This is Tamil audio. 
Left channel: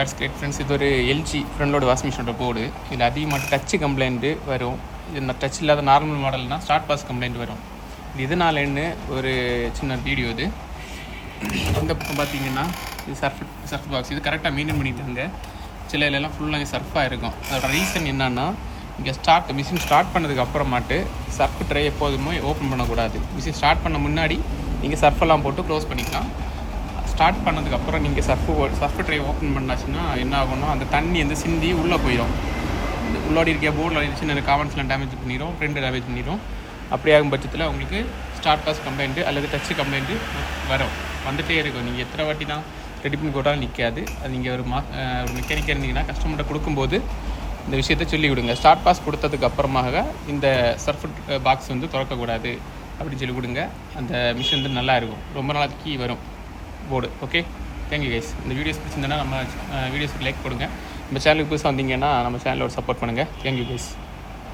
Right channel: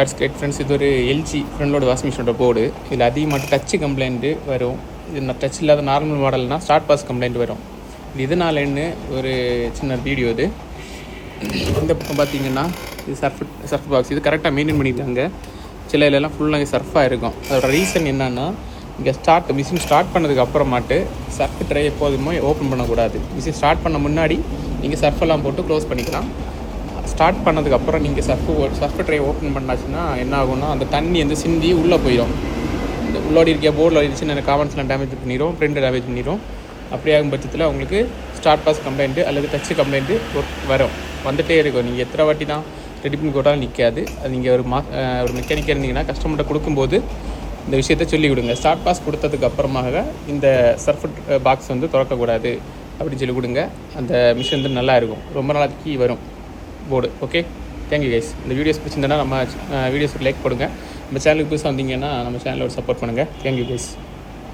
ஃப்ரெண்ட்ஸ், இது ஒரு எல்ஜி ஃப்ரெண்டோட வாஷிங் மிஷினோட போர்டு. இதில் அதிகமாக டச்சு கம்ப்ளைண்ட்டு வரும். இது டச் இல்லாத நார்மல் மாடல்னால் ஸ்டார்ட் பாஸ் கம்ப்ளைண்ட் வரும். இது இதனாலன்னு ஒரு சின்ன வீடியோ. இது இந்த பக்கம் பார்த்தீங்கன்னா இது சர்ஃப் பாக்ஸ். இது கரெக்டாக மெயின்டைன் பண்ணியிருக்காங்க. சில இதெல்லாம் ஃபுல்லாக சர்ஃபாக இருக்கும். அதோட ரீசன் என்னன்னா, இங்கே மிஷின் ஸ்டார்ட் பண்ணதுக்கு அப்புறமாட்டு சர்ஃப் ட்ரை எப்போதுமே ஓப்பன் பண்ணக்கூடாது. மிஷின் ஸ்டார்ட் பண்ண முன்னாடி நீங்கள் சர்ஃபெல்லாம் போட்டு க்ளோஸ் பண்ணிக்கலாம். ஸ்டார்ட் பண்ணதுக்கப்புறம் நீங்கள் சர்ஃப் ட்ரை ஓப்பன் பண்ணாச்சுன்னா என்ன ஆகும்னா, அந்த தண்ணி வந்து சிந்தி உள்ளே போயிடும். இந்த உள்ளோடி இருக்க போர்டில் சின்ன காமெண்ட்ஸ்லாம் டேமேஜ் பண்ணிடும், பிரிண்ட் டேமேஜ் பண்ணிடும். அப்படி ஆகும் பட்சத்தில் உங்களுக்கு ஸ்டார்ட் பாஸ் கம்ப்ளைண்ட்டு அல்லது டச்சு கம்ப்ளைண்ட்டு வந்துகிட்டே இருக்கும். நீங்கள் எத்தனை வாட்டி தான் ரெடி பண்ணி போட்டாலும் நிற்காது. அது நீங்கள் ஒரு மெக்கானிக்காக இருந்தீங்கன்னா கஸ்டமர்கிட்ட கொடுக்கும்போது இந்த விஷயத்தை சொல்லி விடுங்க. ஸ்டார்ட் பாஸ் கொடுத்ததுக்கு அப்புறமாக இந்த சர்ஃப் பாக்ஸ் வந்து திறக்கக்கூடாது அப்படின்னு சொல்லி கொடுங்க. அந்த மிஷின் வந்து நல்லா இருக்கும், ரொம்ப நாளைக்கு வரும் போர்டு. Okay, thank you guys. இந்த வீடியோஸ் பிடிச்சிருந்தேன்னா நம்ம வீடியோஸுக்கு லைக் கொடுங்க. நம்ம சேனலுக்கு புதுசாக வந்தீங்கன்னா நம்ம சேனலோட சப்போர்ட் பண்ணுங்கள். Thank you guys.